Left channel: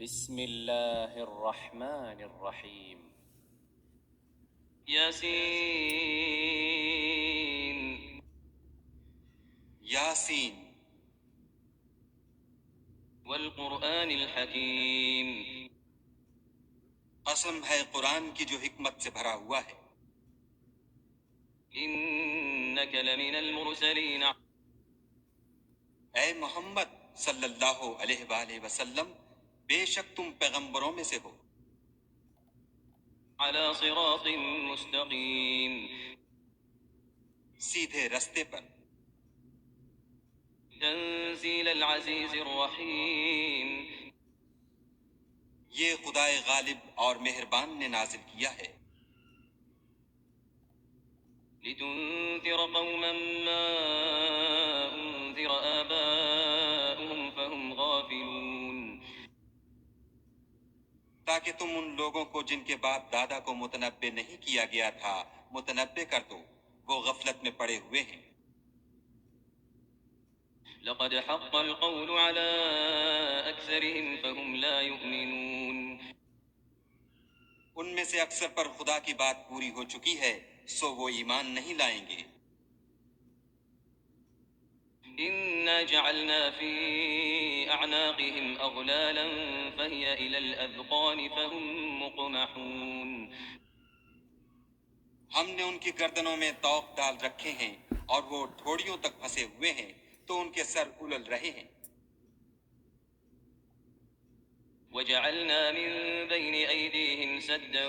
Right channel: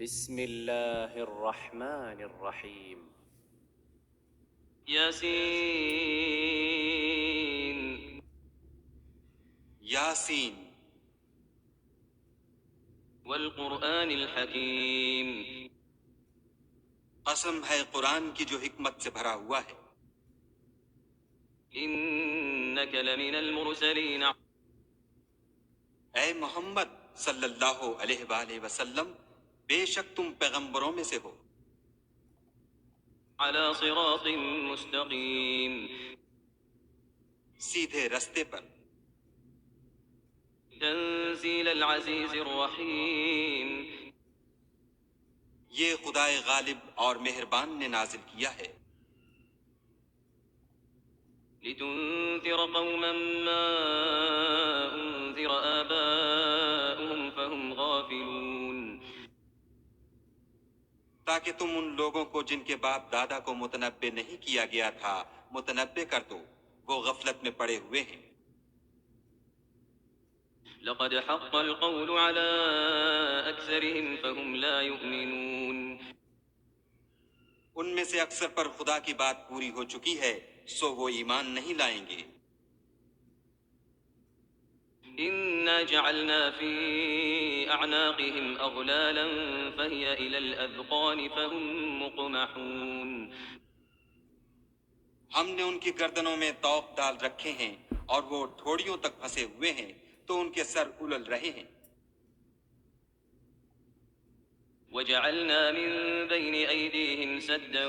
بسم اللہ الرحمن الرحیم. یاسین یاسین والقرآن الحکیم قسم ہے قرآن کی جو حکمت سے بھرا ہوا ہے. انک لمن المرسلین اے محمد صلی اللہ علیہ وآلہ وسلم، بے شک تم پیغمبروں میں سے ہو، علی صراط مستقیم سیدھے رستے پر. تنزیل العزیز الرحیم یہ خدائے غالب اور مہربان نے نازل کیا ہے، لتنذر قوما ما انذر آباؤهم فهم غافلون تاکہ تم ان لوگوں کو جن کے باپ دادا کو متنبع نہیں کیا گیا تھا متنبع کر دو، وہ غفلت میں پڑے ہوئے ہیں. لقد حق القول على أكثرهم فهم لا يؤمنون ان میں سے اکثر پر خدا کی بات پوری ہو چکی ہے، سو وہ ایمان نہیں لائیں گے. إنا جعلنا في أعناقهم أغلالا فهي إلى الأذقان فهم مقمحون ہم نے ان کی گردنوں میں طوق ڈال رکھے ہیں اور وہ ٹھوڑیوں تک پھنسے ہوئے ہیں تو ان کے سر الل رہے ہیں. وجعلنا من بين أيديهم سدا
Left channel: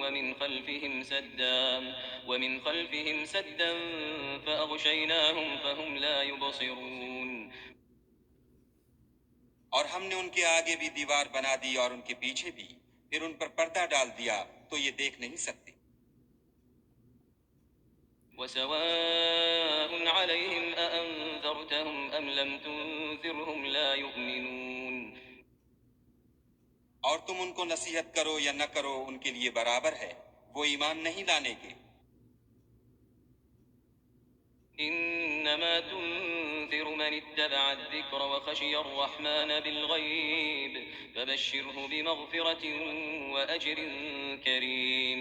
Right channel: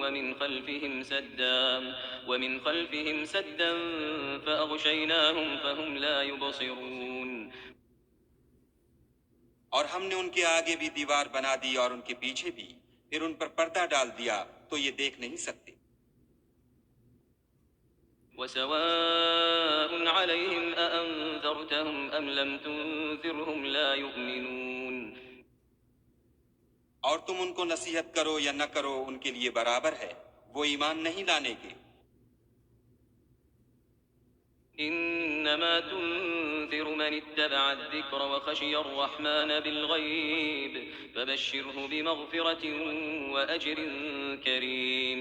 ومن خلفهم سدا فأغشيناهم فهم لا يبصرون اور ہم نے ان کے آگے بھی دیوار بنا دی اور ان کے پیچھے بھی، پھر ان پر پردہ ڈال دیا تو یہ دیکھ نہیں سکتے. وسواء عليهم أأنذرتهم أم لم تنذرهم لا يؤمنون اور تم ان کو نصیحت کرو یا نہ کرو ان کے لیے برابر ہے، وہ ایمان نہیں لانے کے. إنما تنذر من اتبع الذكر وخشي الرحمن بالغيب فبشره بمغفرة وأجر كريم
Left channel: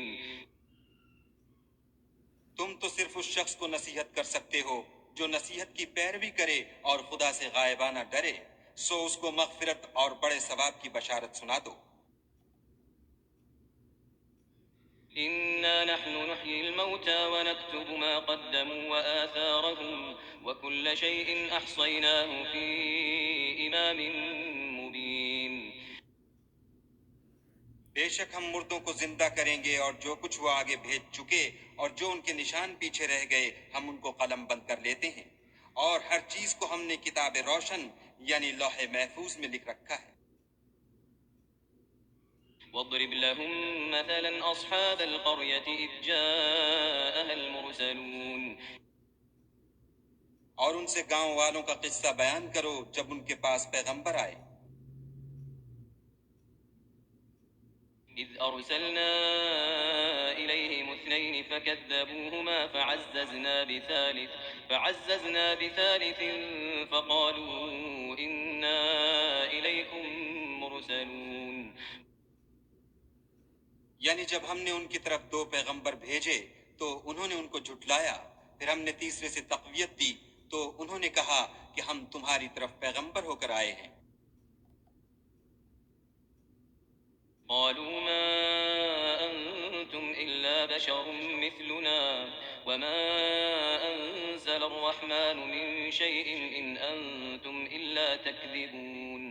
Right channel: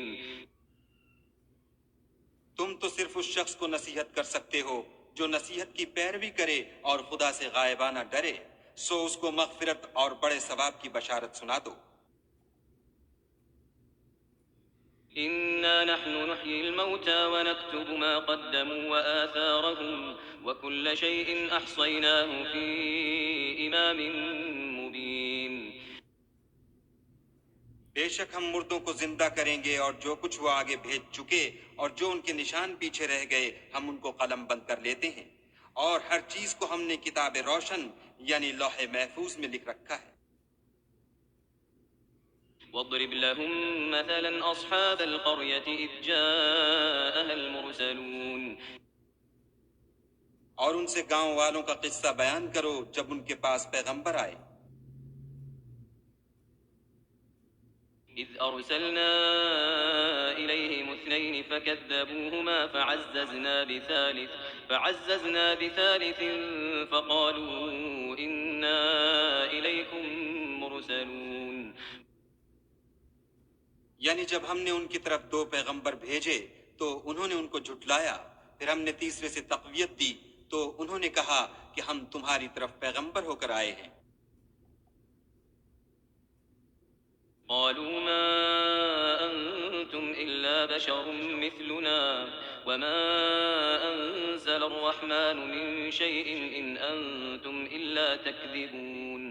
تم تو صرف اس شخص کو نصیحت کر سکتے ہو جو نصیحت کی پیروی کرے اور خدا سے غائبانہ ڈرے، سو اس کو مغفرت اور بڑے ثواب کی بشارت سنا دو. إنا نحن نحيي الموتى ونكتب ما قدموا وآثارهم وكل شيء أحصيناه في إمام مبين بے شک ہم مردوں کو زندہ کریں گے اور جو کچھ وہ آگے بھیج چکے اور جو ان کے نشان پیچھے رہ گئے ہم ان کو قلم بند کر لیتے ہیں، اور ہر چیز کو ہم نے کتاب روشن یعنی لوح محفوظ میں لکھ رکھا ہے. واضرب لهم مثلا أصحاب القرية إذ جاءها المرسلون اور ان سے گاؤں والوں کا قصہ بیان کرو جب ان کے پاس پیغمبر آئے. إذ أرسلنا إليهم اثنين فكذبوهما فعززنا بثالث فقالوا إنا إليكم مرسلون یعنی جب ہم نے ان کی طرف دو پیغمبر بھیجے تو انہوں نے ان کو جھٹلایا، پھر ہم نے تیسرے سے تقویت دی تو انہوں نے کہا کہ ہم تمہاری طرف پیغمبر ہو کر آئے ہیں. قالوا ما أنتم إلا بشر مثلنا وما أنزل الرحمن من شيء إن أنتم إلا تكذبون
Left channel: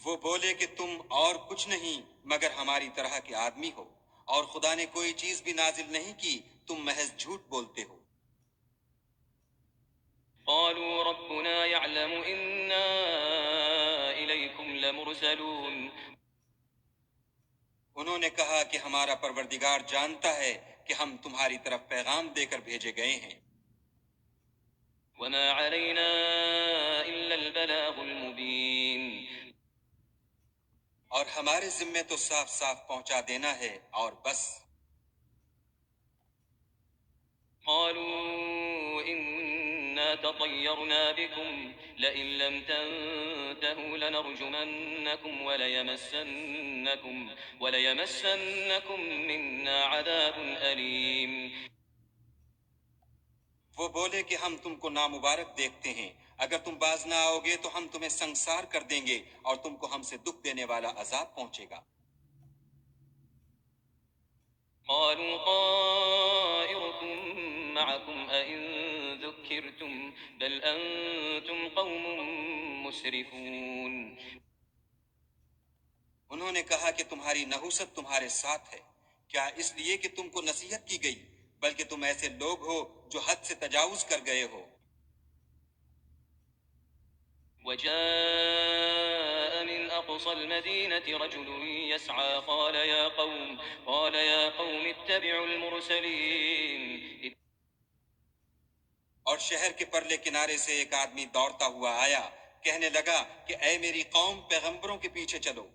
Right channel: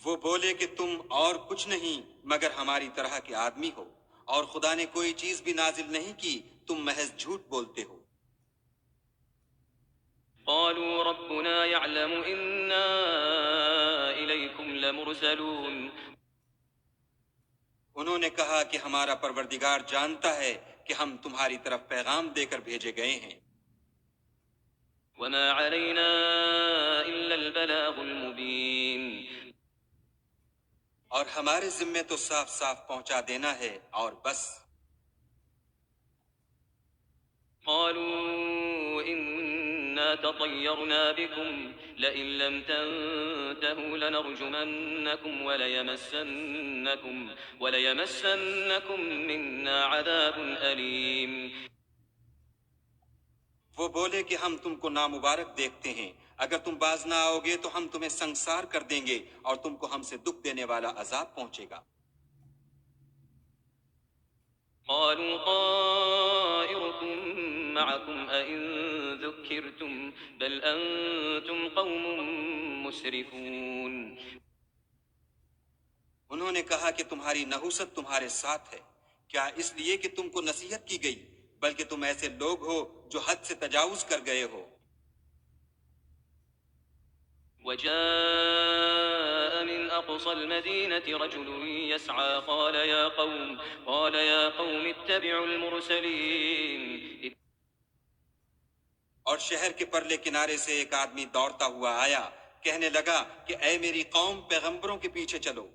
وہ بولے کہ تم اور کچھ نہیں مگر ہماری طرح کے آدمی ہو، اور خدا نے کوئی چیز بھی نازل نہیں کی، تم محض جھوٹ بولتے ہو. قالوا ربنا يعلم إنا إليكم لمرسلون انہوں نے کہا کہ ہمارا پروردگار جانتا ہے کہ ہم تمہاری طرف پیغام دے کر بھیجے گئے ہیں، وما علينا إلا البلاغ المبين اور ہمارے ذمے تو صاف صاف پہنچا دینا ہے اور بس. قالوا إنا إنا تطيرنا بكم لئن لم تنتهوا لنرجمنكم وليمسنكم منا عذاب أليم. وہ بولے کہ ہم تم کو نامبارک دیکھتے ہیں، اگر تم باز نہ آؤ گے تو ہم تمہیں سنسار کر دیں گے اور تم کو ہم سے دکھ دینے والا عذاب پہنچے گا۔ قالوا طائركم معكم أئن ذكرتم بل أنتم قوم مسرفون. انہوں نے کہا کہ تمہاری نحوست تمہارے ساتھ ہے، کیا اس لیے کہ تم کو نصیحت کی گئی، بلکہ تم ایسے لوگ ہو جو حد سے تجاوز کر گئے ہو۔ وجاء من أقصى المدينة رجل يسعى قال يا قوم اتبعوا المرسلين. اور شہر کے پرلے کنارے سے ایک آدمی دوڑتا ہوا آیا، کہنے لگا کہ اے میری قوم، پیغمبروں کے پیچھے چلو۔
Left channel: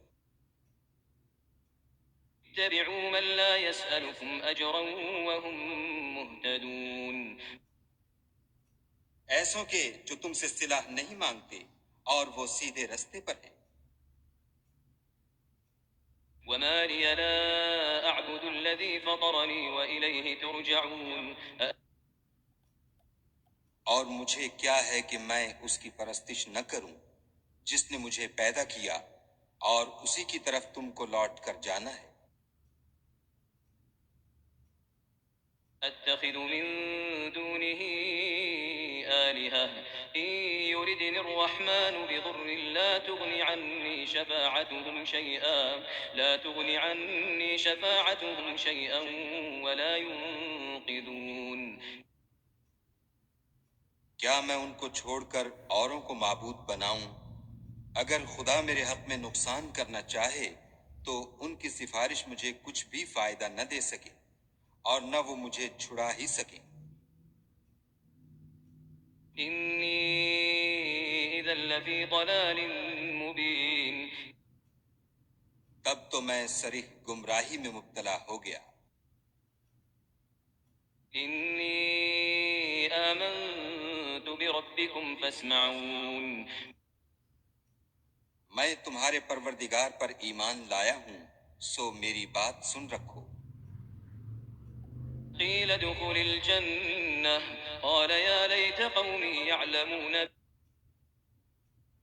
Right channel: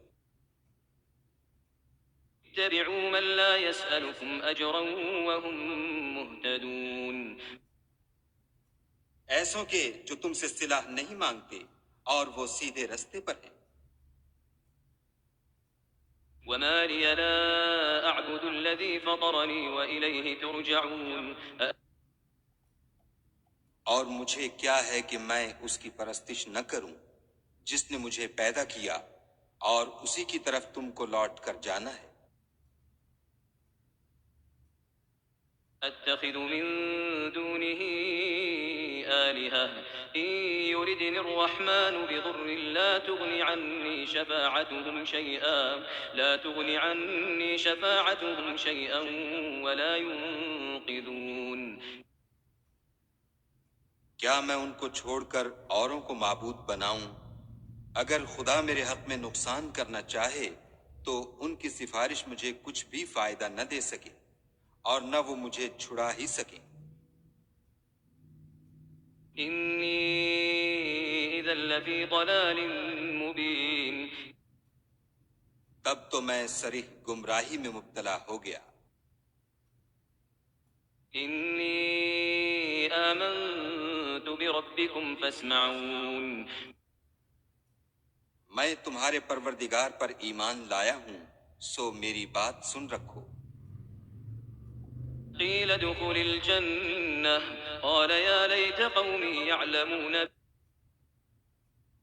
اتبعوا من لا يسألكم أجرا وهم مهتدون. ایسوں کے جو تم سے صلہ نہیں مانگتے اور وہ سیدھے رستے پر ہیں۔ وما لي لا أعبد الذي فطرني وإليه ترجعون. اور مجھے کیا ہے کہ میں اس کی پرستش نہ کروں جس نے مجھے پیدا کیا، اور اسی کی طرف تم کو لوٹ کر جانا ہے۔ أتخذ من دونه آلهة إن يردني الرحمن بضر لا تغن عني شفاعتهم شيئا ولا ينقذون. کیا میں ان کو چھوڑ کر اوروں کو معبود بناؤں؟ اگر خدا میرے حق میں نقصان کرنا چاہے تو ان کی سفارش مجھے کچھ بھی فائدہ نہ دے سکے اور نہ وہ مجھے چھڑا ہی سکیں۔ إني إذا لفي ضلال مبين. تب تو میں صریح گمراہی میں مبتلا ہو گیا۔ إني آمنت بربكم فاسمعون. میں تمہارے پروردگار پر ایمان لایا ہوں، سو میری بات سن رکھو۔ قيل ادخل الجنة قال يا ليت قومي يعلمون.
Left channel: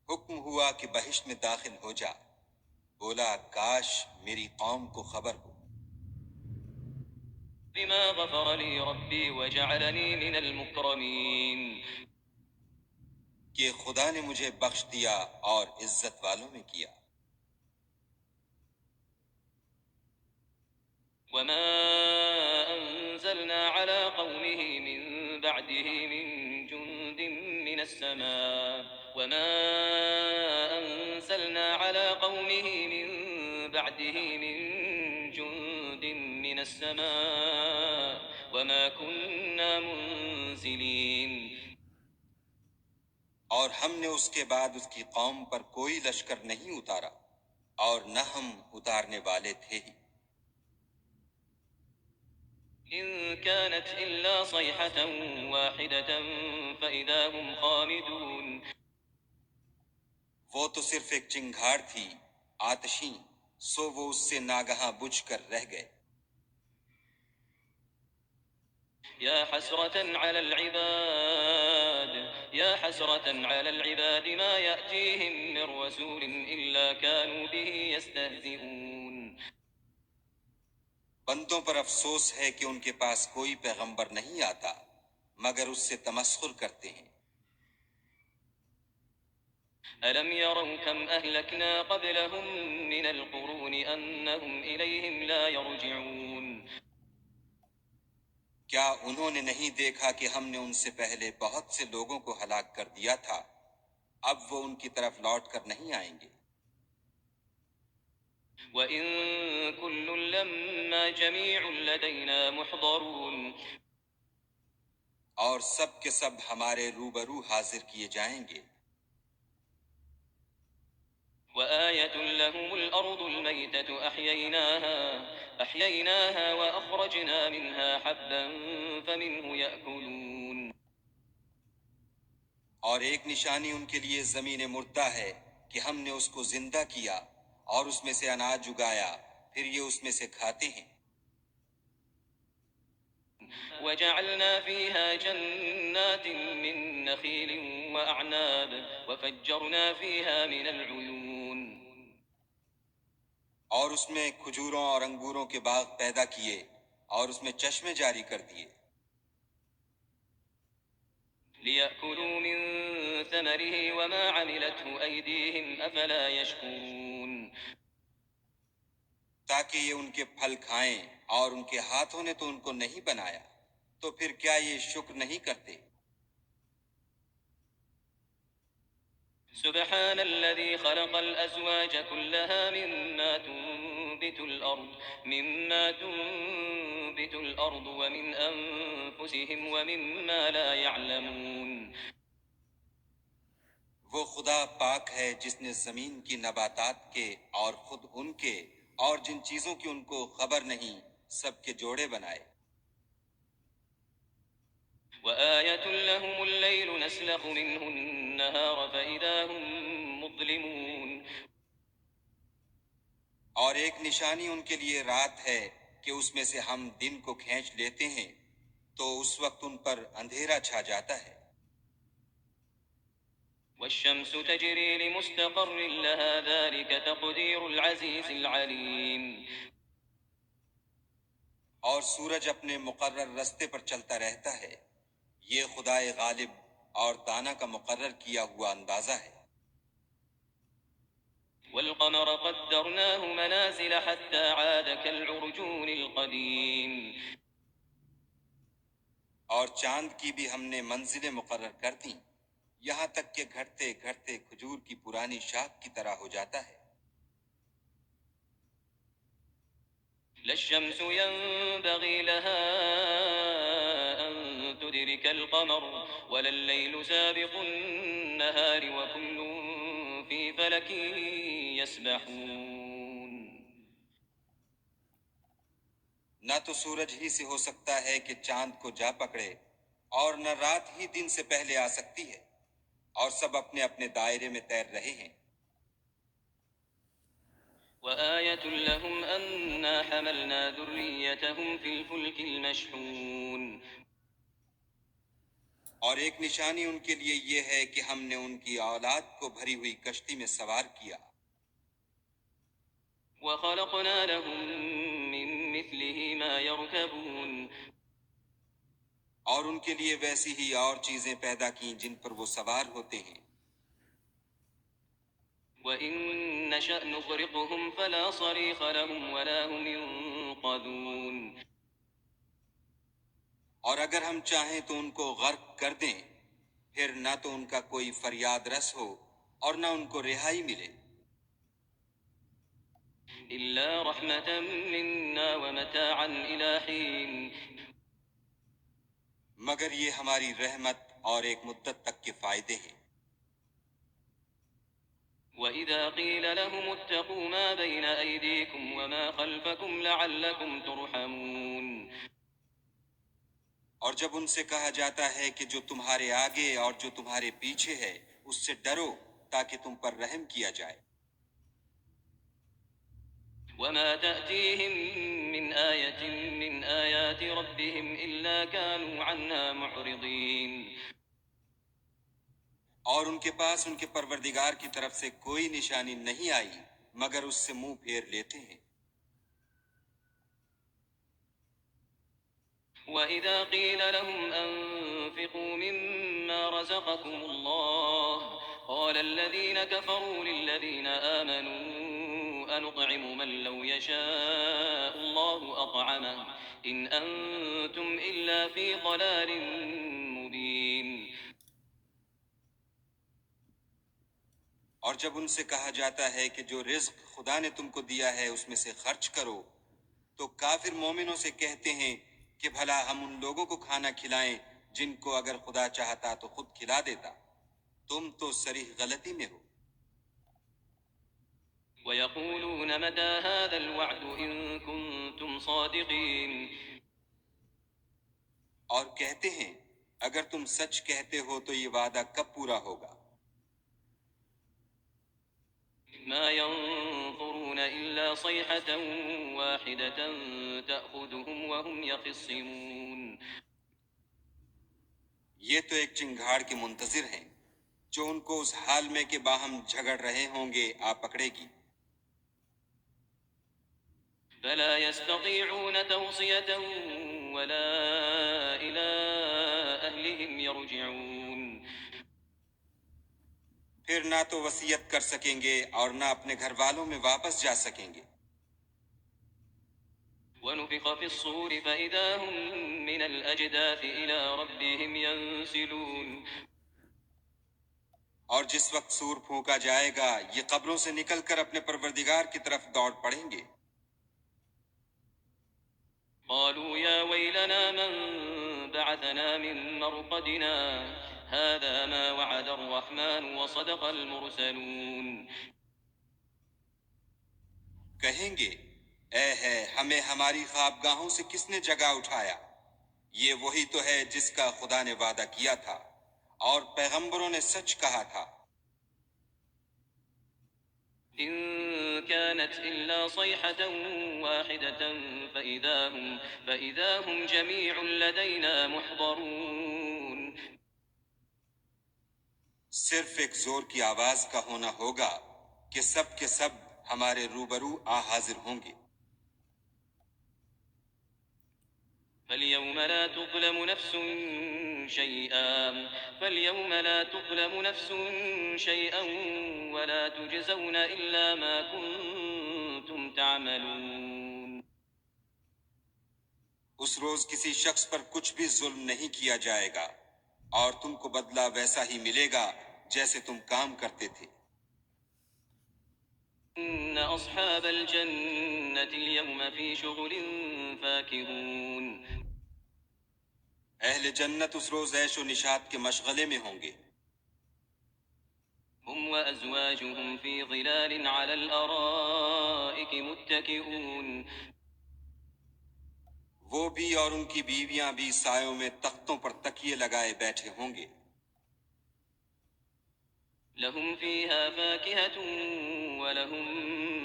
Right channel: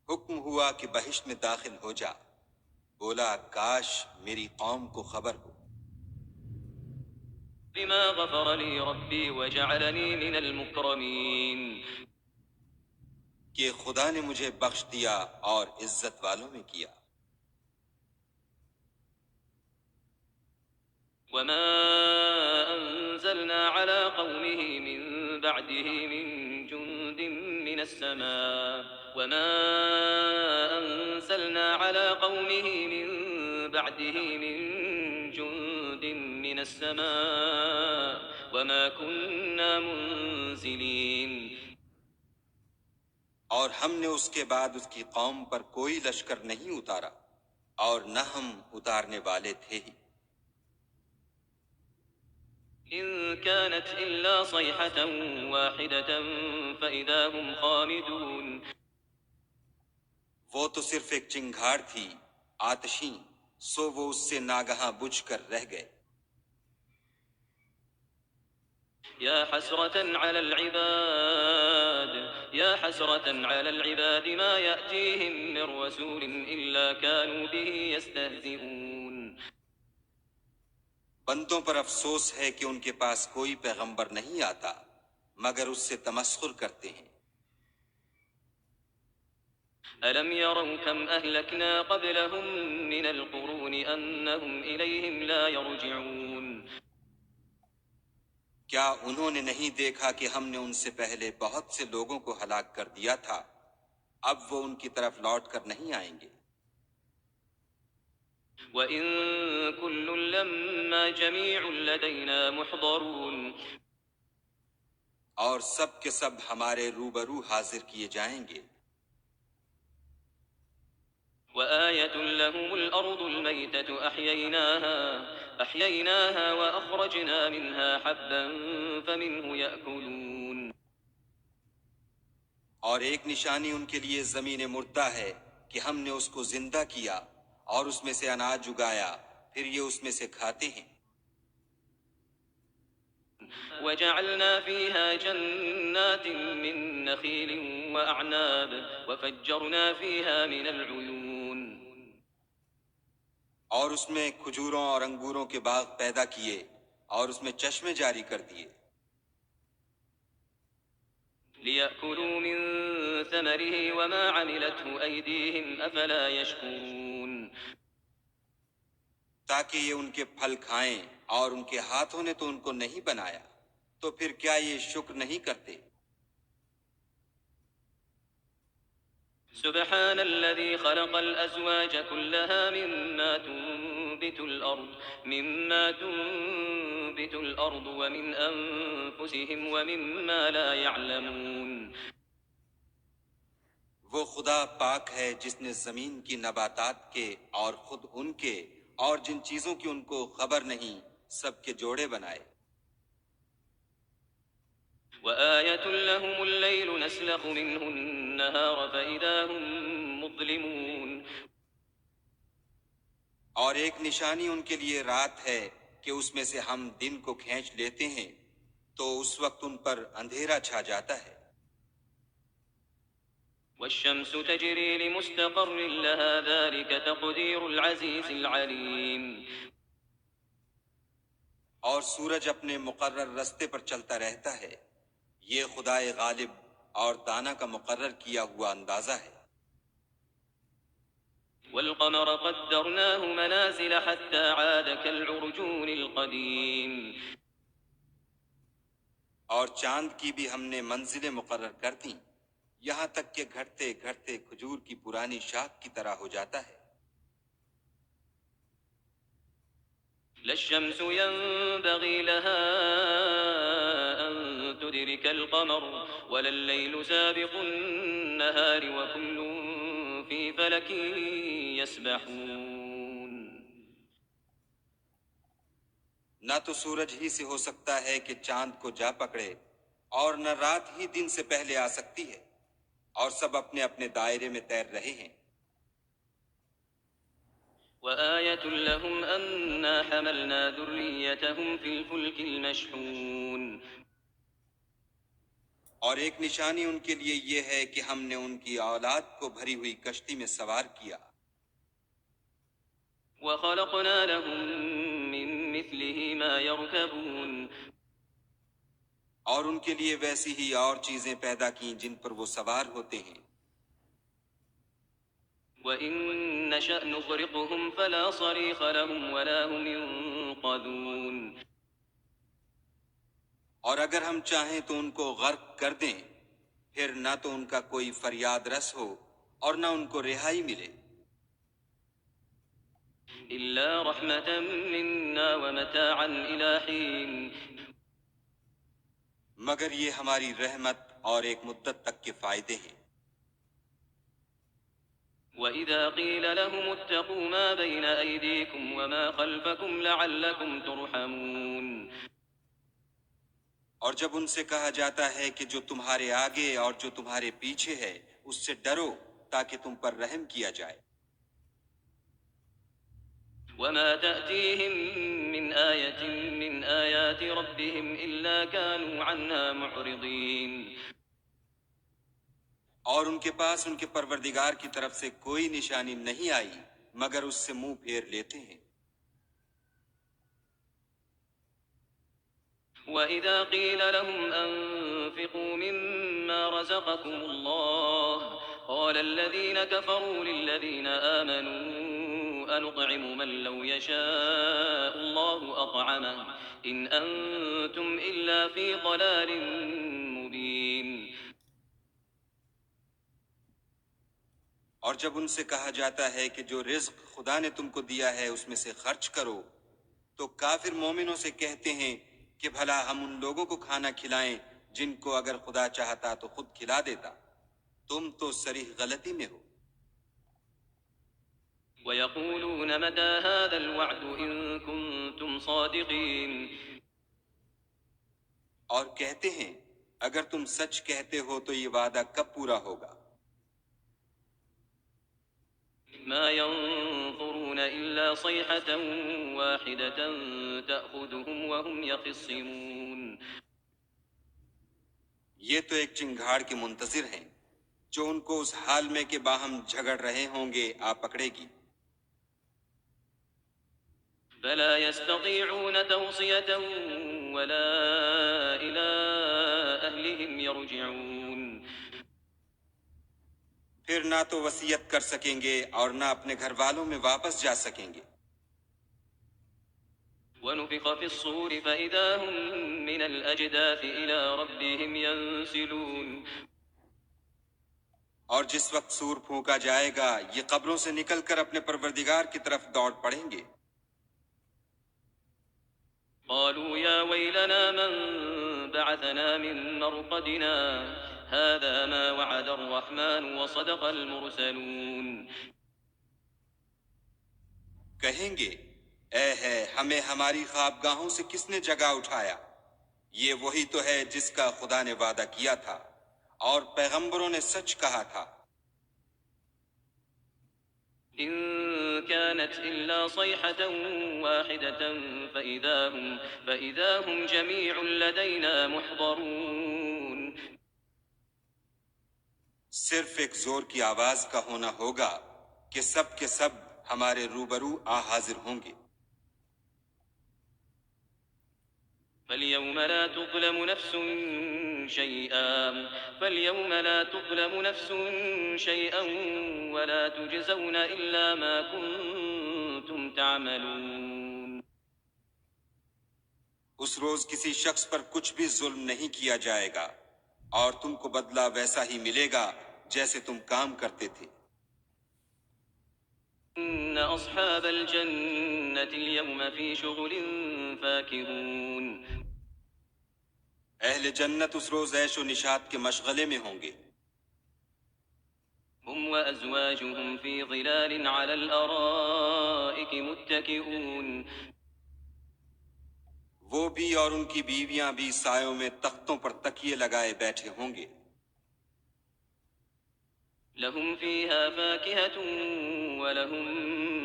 حکم ہوا کہ بہشت میں داخل ہو جا، بولا کاش میری قوم کو خبر ہو۔ بما غفر لي ربي وجعلني من المكرمين. کہ خدا نے مجھے بخش دیا اور عزت والوں میں کیا۔ وما أنزلنا على قومه من بعده من جند من السماء وما أنزلنا على قومه من بعده من جند من السماء وما كنا منزلين. اور ہم نے اس کے بعد اس کی قوم پر کوئی لشکر نہیں اتارا اور نہ ہم اتارنے والے تھے ہی۔ إن كانت إلا صيحة واحدة فإذا هم خامدون. وہ تو صرف ایک چنگھاڑ تھی آتشیں، سو وہ اس سے ناگہاں بجھ کر رہ گئے۔ يا حسرة على العباد ما يأتيهم من رسول إلا كانوا به يستهزئون. بندوں پر افسوس ہے کہ ان کے پاس کوئی پیغمبر نہیں آتا مگر اس سے تمسخر کرتے ہیں۔ ألم يروا كم أهلكنا قبلهم من القرون أنهم إليهم لا يرجعون. کیا انہوں نے نہیں دیکھا کہ ہم نے ان سے پہلے بہت سے لوگوں کو ہلاک کر دیا تھا، اب وہ ان کی طرف لوٹ کر نہیں آئیں گے۔ وَإِن كُلٌّ لَّمَّا جَمِيعٌ لَّدَيْنَا مُحْضَرُونَ. اور سب کے سب ہمارے روبرو حاضر کیے جائیں گے۔ وآية لهم الأرض الميتة أحييناها وأخرجنا منها حبا فمنه يأكلون. اور ایک نشانی ان کے لیے زمین مردہ ہے کہ ہم نے اس کو زندہ کیا اور اس میں سے اناج اگایا، پھر یہ اس میں سے کھاتے ہیں۔ وجعلنا فيها جنات من نخيل وأعناب وفجرنا فيها من العيون اور اس میں کھجوروں اور انگوروں کے باغ پیدا کیے اور اس میں چشمے جاری کر دیے، ليأكلوا من ثمره وما عملته أيديهم أفلا يشكرون تاکہ یہ ان کے پھل کھائیں، اور ان کے ہاتھوں نے تو ان کو نہیں بنایا، تو پھر کیا یہ شکر نہیں کرتے؟ سبحان الذي خلق الأزواج كلها مما تنبت الأرض ومن أنفسهم ومما لا يعلمون وہ خدا پاک ہے جس نے زمین کی نباتات کے اور خود ان کے اور جن چیزوں کی ان کو خبر نہیں سب کے جوڑے بنائے۔ وآية لهم الليل نسلخ منه النهار فإذا هم مظلمون اور ایک نشانی ان کے لیے رات ہے کہ اس میں سے ہم دن کو کھینچ لیتے ہیں تو اس وقت ان پر اندھیرا چھا جاتا ہے۔ والشمس تجري لمستقر لها ذلك تقدير العزيز العليم اور سورج اپنے مقرر رستے پر چلتا رہتا ہے، یہ خدائے غالب اور دانا کا مقرر کیا ہوا اندازہ ہے۔ والقمر قدرناه منازل حتى عاد كالعرجون القديم اور چاند کی بھی ہم نے منزلیں مقرر کر دیں، یہاں تک کہ گھٹتے گھٹتے کھجور کی پرانی شاخ کی طرح ہو جاتا ہے۔ لا الشمس ينبغي لها أن تدرك القمر ولا الليل سابق النهار وكل في فلك يسبحون نہ تو سورج ہی سے ہو سکتا ہے کہ چاند کو جا پکڑے، اور نہ رات ہی دن سے پہلے آ سکتی ہے، اور سب اپنے اپنے دائرے میں تیر رہے ہیں۔ وآية لهم أنا حملنا ذريتهم في الفلك المشحون اور ایک نشانی ان کے لیے یہ ہے کہ ہم نے ان کی اولاد کو بھری ہوئی کشتی میں سوار کیا، وخلقنا لهم من مثله ما يركبون اور ان کے لیے ویسی ہی اور چیزیں پیدا کیں جن پر وہ سوار ہوتے ہیں۔ وإن نشأ نغرقهم فلا صريخ لهم ولا هم ينقذون اور اگر ہم چاہیں تو ان کو غرق کر دیں، پھر نہ تو ان کا کوئی فریاد رس ہو اور نہ ان کو رہائی ملے، إلا رحمة منا ومتاعا إلى حين مگر یہ ہماری رحمت اور ایک مدت تک کے فائدے ہیں۔ وإذا قيل لهم اتقوا ما بين أيديكم وما خلفكم لعلكم ترحمون اور جب ان سے کہا جاتا ہے کہ جو تمہارے آگے اور جو تمہارے پیچھے ہے اس سے ڈرو تاکہ تم پر رحم کیا جائے۔ وما تأتيهم من آية من آيات ربهم إلا كانوا عنها معرضين اور ان کے پاس ان کے پروردگار کی طرف سے کوئی نشانی نہیں آئی مگر اس سے منہ پھیر لیتے ہیں۔ وإذا قيل لهم أنفقوا مما رزقكم الله قال الذين كفروا للذين آمنوا أنطعم من لو يشاء الله أطعمه إن أنتم إلا في ضلال مبين اور جب ان سے کہا جاتا ہے کہ جو رزق خدا نے تم کو دیا ہے اس میں سے خرچ کرو، تو کافر مومنوں سے کہتے ہیں کہ بھلا ہم ان لوگوں کو کھانا کھلائیں جن کو اگر خدا چاہتا تو خود کھلا دیتا، تم تو صریح غلطی میں ہو۔ ويقولون متى هذا الوعد إن كنتم صادقين اور کہتے ہیں اگر تم سچ کہتے ہو تو یہ وعدہ کب پورا ہوگا؟ ما ينظرون إلا صيحة واحدة تأخذهم وهم يخصمون. یہ تو ایک چنگھاڑ کے منتظر ہیں جو ان کو اس حال میں کہ باہم جھگڑ رہے ہوں گے آ پکڑے گی. فلا يستطيعون توصية ولا إلى أهلهم يرجعون. پھر نہ تو وصیت کر سکیں گے اور نہ اپنے گھر والوں میں واپس جا سکیں گے. ونفخ في الصور فإذا هم من الأجداث إلى ربهم ينسلون. اور جس وقت سور پھونکا جائے گا یہ قبروں سے نکل کر اپنے پروردگار کی طرف دوڑ پڑیں گے. قالوا يا ويلنا من بعثنا من مرقدنا هذا ما وعد الرحمن وصدق المرسلون. کہیں گے اے ہے ہمیں ہماری خوابگاہوں سے کس نے جگا اٹھایا، یہ وہی تو ہے جس کا خدا نے وعدہ کیا تھا اور پیغمبروں نے سچ کہا تھا. إن كانت إلا صيحة واحدة فإذا هم جميع لدينا محضرون. صرف ایک زور کی آواز کا ہونا ہوگا کہ سب کے سب ہمارے روبرو آ حاضر ہوں گے. فاليوم لا تظلم نفس شيئا ولا تجزون إلا ما كنتم تعملون. اس روز کسی شخص پر کچھ بھی ظلم نہیں کیا جائے گا اور تم کو بدلہ ویسا ہی ملے گا جیسے تم کام کرتے تھے. إن أصحاب الجنة اليوم في شغل فاكهون. اہل جنت اس روز عیش و نشاط کے مشغلے میں ہوں گے. هم وأزواجهم في ظلال على الأرائك متكئون. وہ بھی اور ان کی بیویاں بھی سایوں میں تختوں پر تکیے لگائے بیٹھے ہوں گے. لهم فيها فاكهة ولهم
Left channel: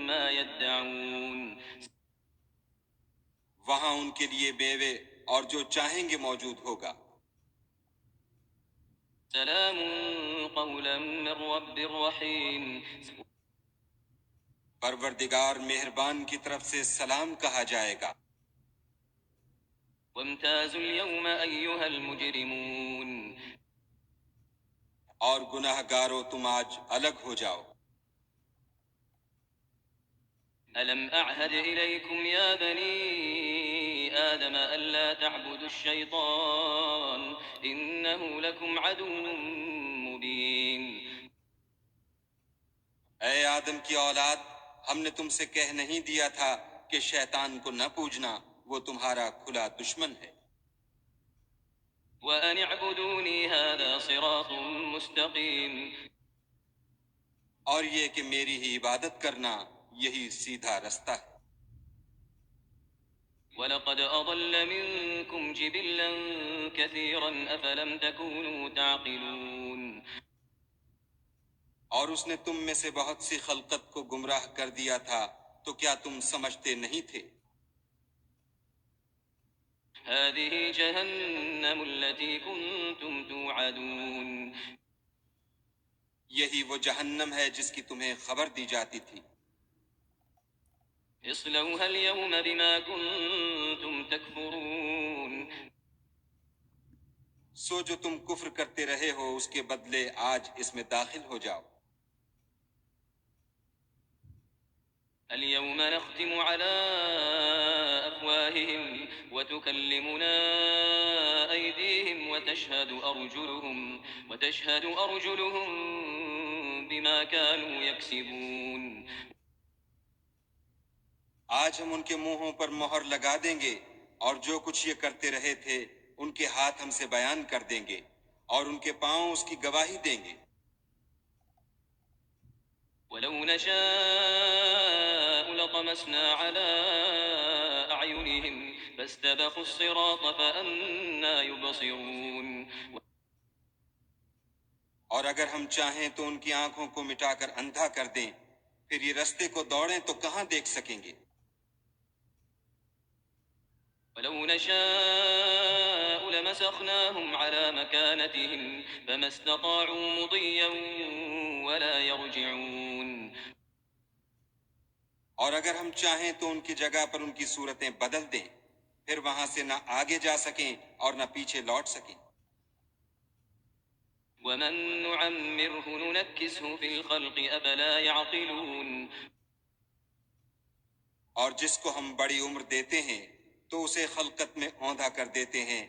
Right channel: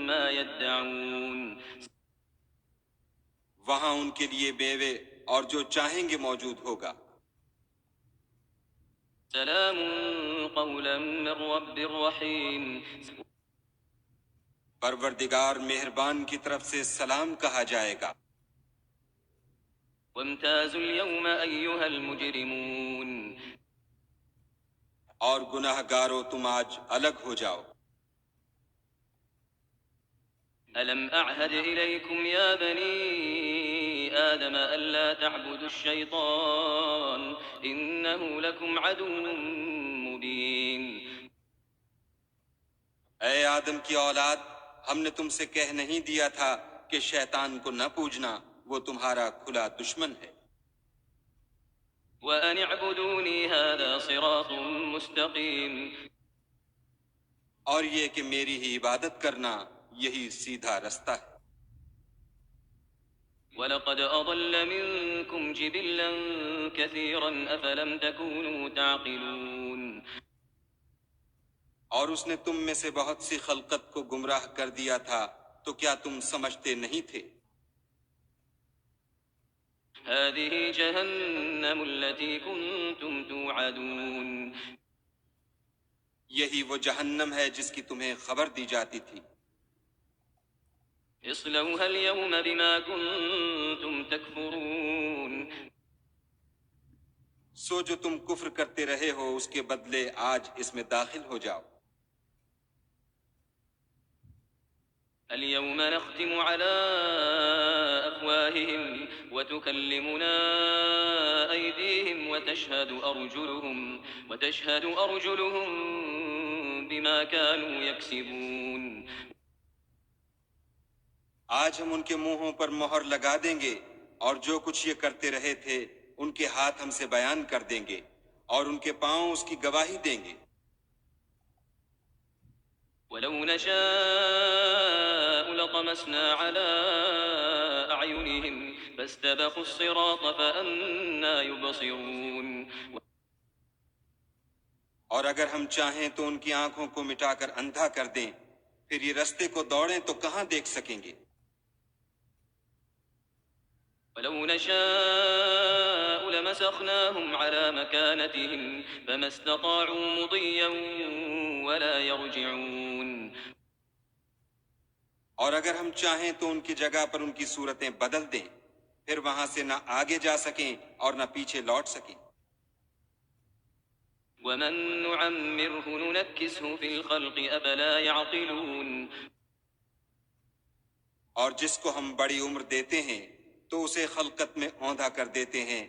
ما يدعون. وہاں ان کے لیے میوے اور جو چاہیں گے موجود ہوگا. سلام قولا من رب رحيم. پروردگار مہربان کی طرف سے سلام کہا جائے گا. وامتازوا اليوم أيها المجرمون. اور گناہ گارو تم آج الگ ہو جاؤ. ألم أعهد إليكم يا بني آدم ألا تعبدوا الشيطان إنه لكم عدو مبين. اے آدم کی اولاد، ہم نے تم سے کہہ نہیں دیا تھا کہ شیطان کو نہ پوجنا، وہ تمہارا کھلا دشمن ہے. وأن اعبدوني هذا صراط مستقيم. اور یہ کہ میری ہی عبادت کرنا یہی سیدھا رستہ ہے. وَلَقَدْ أَضَلَّ مِنكُمْ جِبِلًّا كَثِيرًا أَفَلَمْ تَكُونُوا تَعْقِلُونَ. اور اس نے تم میں سے بہت سی خلقت کو گمراہ کر دیا تھا تو کیا تم سمجھتے نہیں تھے؟ هذه جهنم التي كنتم توعدون. یہی وہ جہنم ہے جس کی تمہیں خبر دی جاتی تھی. اصلوها اليوم بما كنتم تكفرون. سو جو تم کفر کرتے رہے ہو اس کے بدلے آج اس میں داخل ہو جاؤ. اليوم نختم على أفواههم وتكلمنا أيديهم وتشهد أرجلهم بما كانوا يكسبون. آج ہم ان کے منہوں پر مہر لگا دیں گے اور جو کچھ یہ کرتے رہے تھے ان کے ہاتھ ہم سے بیان کر دیں گے اور ان کے پاؤں اس کی گواہی دیں گے. ولو نشاء لطمسنا على أعينهم فاستبقوا الصراط فأنى يبصرون اور اگر ہم چاہیں تو ان کی آنکھوں کو مٹا کر اندھا کر دیں، پھر یہ رستے کو دوڑیں تو کہاں دیکھ سکیں گے؟ ولو نشاء لمسخناهم على مكانتهم فما استطاعوا مضيا ولا يرجعون اور اگر ہم چاہیں تو ان کی جگہ پر ان کی صورتیں بدل دیں، پھر وہاں سے نہ آگے جا سکیں اور نہ پیچھے لوٹ سکیں۔ ومن نعمره ننكسه في الخلق أفلا يعقلون اور جس کو ہم بڑی عمر دیتے ہیں تو اسے خلقت میں اوندھا کر دیتے ہیں،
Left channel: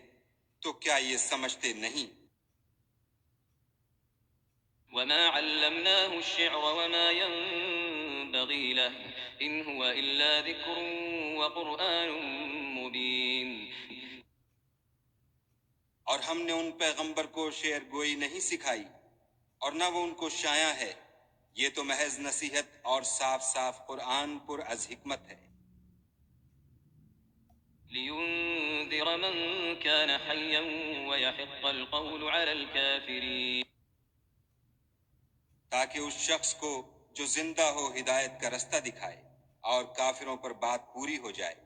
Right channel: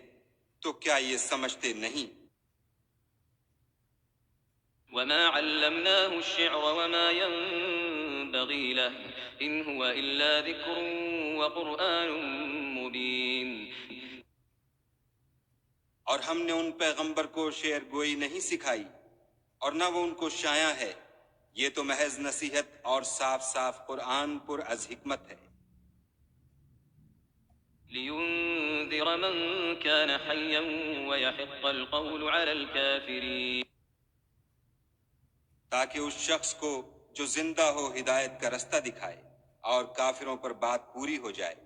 تو کیا یہ سمجھتے نہیں؟ وما علمناه الشعر وما ينبغي له إن هو إلا ذكر وقرآن مبين اور ہم نے ان پیغمبر کو شعر گوئی نہیں سکھائی اور نہ وہ ان کو شایع ہے، یہ تو محض نصیحت اور صاف صاف قرآن پر از حکمت ہے، لينذر من كان حيا ويحق القول على الكافرين تاکہ اس شخص کو جو زندہ ہو ہدایت کا رستہ دکھائے اور کافروں پر بات پوری ہو جائے۔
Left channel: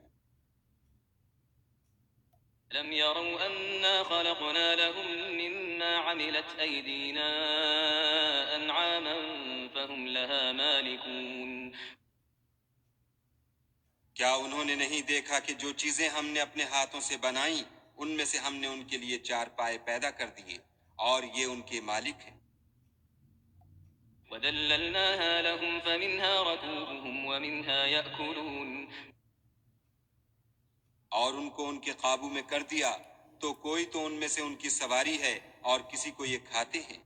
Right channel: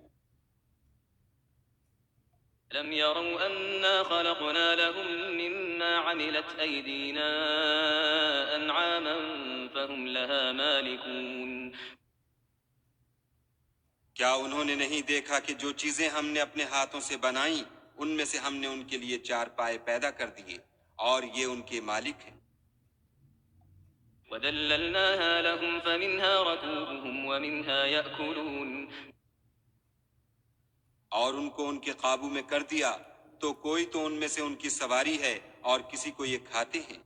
لم يروا أنا خلقنا لهم مما عملت أيدينا أنعاما فهم لها مالكون کیا انہوں نے نہیں دیکھا کہ جو چیزیں ہم نے اپنے ہاتھوں سے بنائیں ان میں سے ہم نے ان کے لیے چار پائے پیدا کر دیے اور یہ ان کے مالک ہیں۔ وذللناها لهم فمنها ركوبهم ومنها يأكلون اور ان کو ان کے قابو میں کر دیا تو کوئی تو ان میں سے ان کی سواری ہے اور کسی کو یہ کھاتے ہیں۔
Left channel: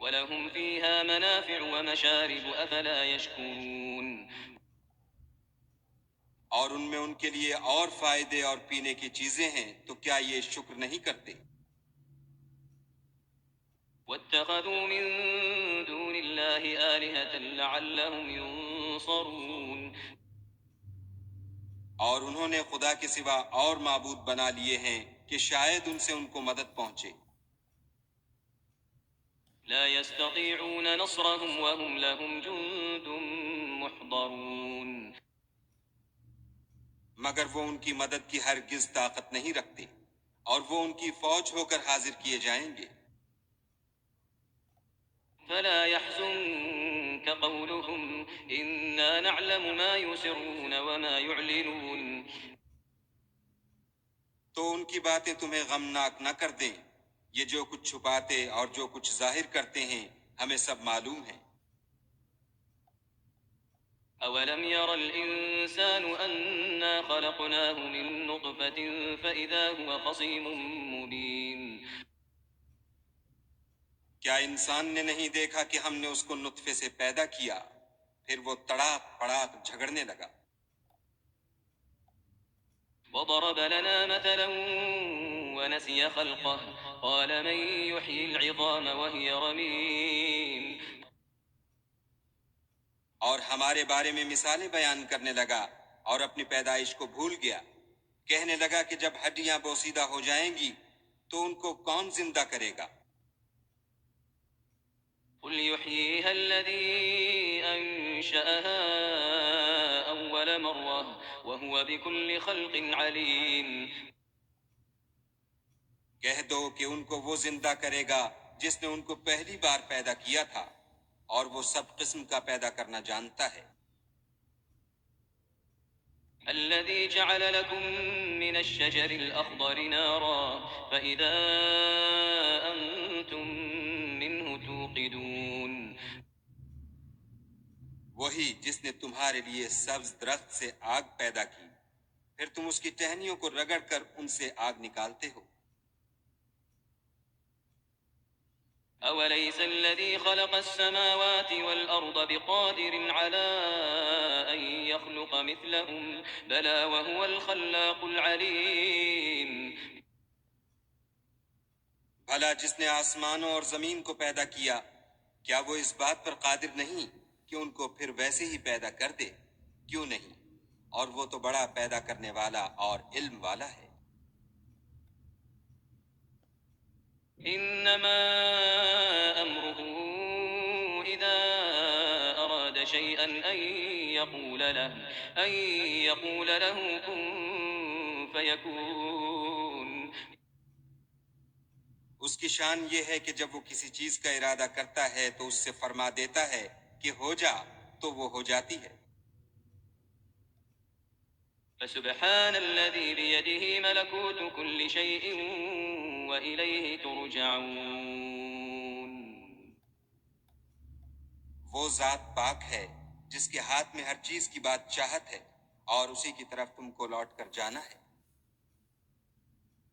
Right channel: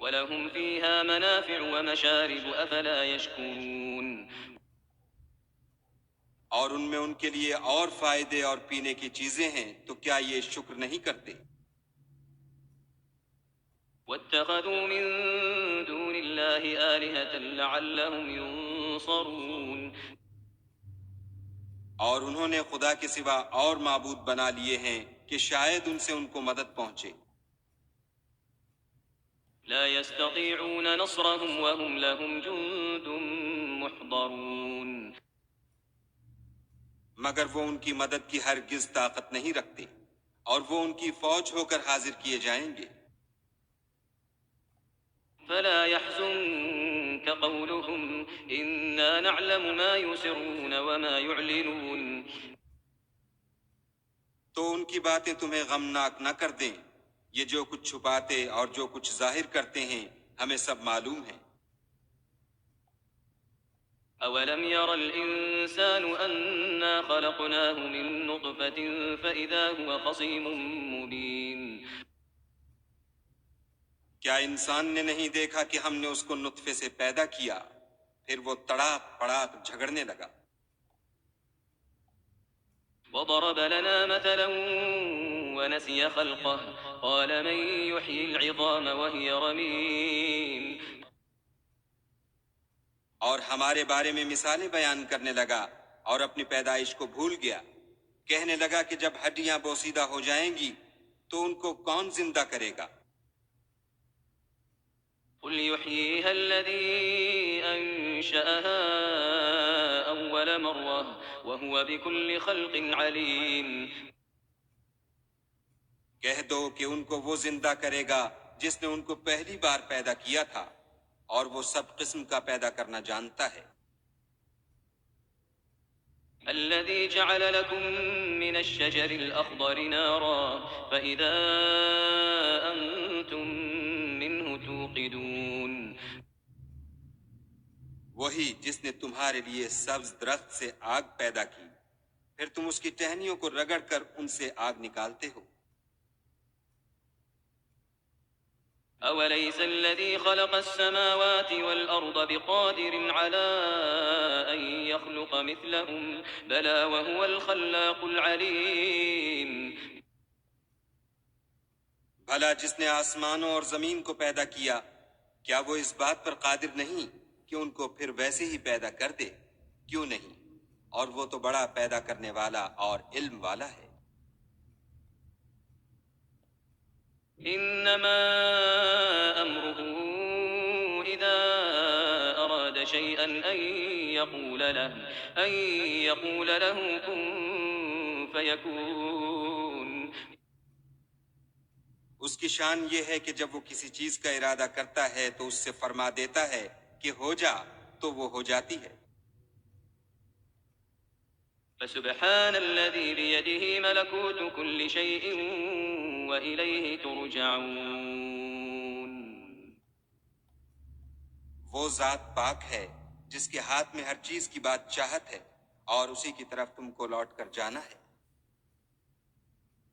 وَلَهُمْ فِيهَا مَنَافِعُ وَمَشَارِبُ أَفَلَا يَشْكُرُونَ اور ان میں ان کے لیے اور فائدے اور پینے کی چیزیں ہیں، تو کیا یہ شکر نہیں کرتے؟ وَاتَّخَذُوا مِن دُونِ اللَّهِ آلِهَةً لَعَلَّهُمْ يُنصَرُونَ اور انہوں نے خدا کے سوا اور معبود بنا لیے ہیں کہ شاید ان سے ان کو مدد پہنچے۔ لا يستطيعون نصرهم وهم لهم جند محضرون مگر وہ ان کی مدد کی ہرگز طاقت نہیں رکھتے اور وہ ان کی فوج ہو کر حاضر کیے جائیں گے۔ فلا يحزنك قولهم إنا نعلم ما يسرون وما يعلنون تو ان کی باتیں تمہیں غمناک نہ کر دیں، یہ جو کچھ چھپاتے اور جو کچھ ظاہر کرتے ہیں ہمیں سب معلوم ہے۔ أولم ير الإنسان أنا خلقناه من نطفة فإذا هو خصيم مبين کیا انسان نے نہیں دیکھا کہ ہم نے اس کو نطفے سے پیدا کیا، پھر وہ تڑاک پڑاک جھگڑنے لگا۔ وضرب لنا مثلا ونسي خلقه قال من يحيي العظام وهي رميم اور ہمارے بارے میں مثالیں بیان کرنے لگا اور اپنی پیدائش کو بھول گیا، کہنے لگا کہ جب ہڈیاں بوسیدہ ہو جائیں گی تو ان کو کون زندہ کرے گا؟ قل يحييها الذي أنشأها أول مرة وهو بكل خلق عليم کہہ دو کہ ان کو وہ زندہ کرے گا جس نے ان کو پہلی بار پیدا کیا تھا، اور وہ سب قسم کا پیدا کرنا جانتا ہے۔ الذي جعل لكم من الشجر الأخضر نارا فإذا أنتم منه توقدون وہی جس نے تمہارے لیے سبز درخت سے آگ پیدا کی، پھر تم اس کی ٹہنیوں کو رگڑ کر ان سے آگ نکالتے ہو۔ أوليس الذي خلق السماوات والأرض بقادر على أن يخلق مثلهم بلى وهو الخلاق العليم بھلا جس نے آسمانوں اور زمین کو پیدا کیا، کیا وہ اس بات پر قادر نہیں کہ ان کو پھر ویسے ہی پیدا کر دے؟ کیوں نہیں، اور وہ تو بڑا پیدا کرنے والا اور علم والا ہے۔ انما امره اذا اراد شيئا ان يقول له كن فيكون۔ اس کی شان یہ ہے کہ جب وہ کسی چیز کا ارادہ کرتا ہے تو اس سے فرما دیتا ہے کہ ہو جا، تو وہ ہو جاتی ہے۔ فسبحان الذي بيده ملكوت كل شيء وإليه ترجعون۔ وہ ذات پاک ہے جس کے ہاتھ میں ہر چیز کی بات چاہت ہے، اور اسی کی طرف تم کو لوٹ کر جانا ہے۔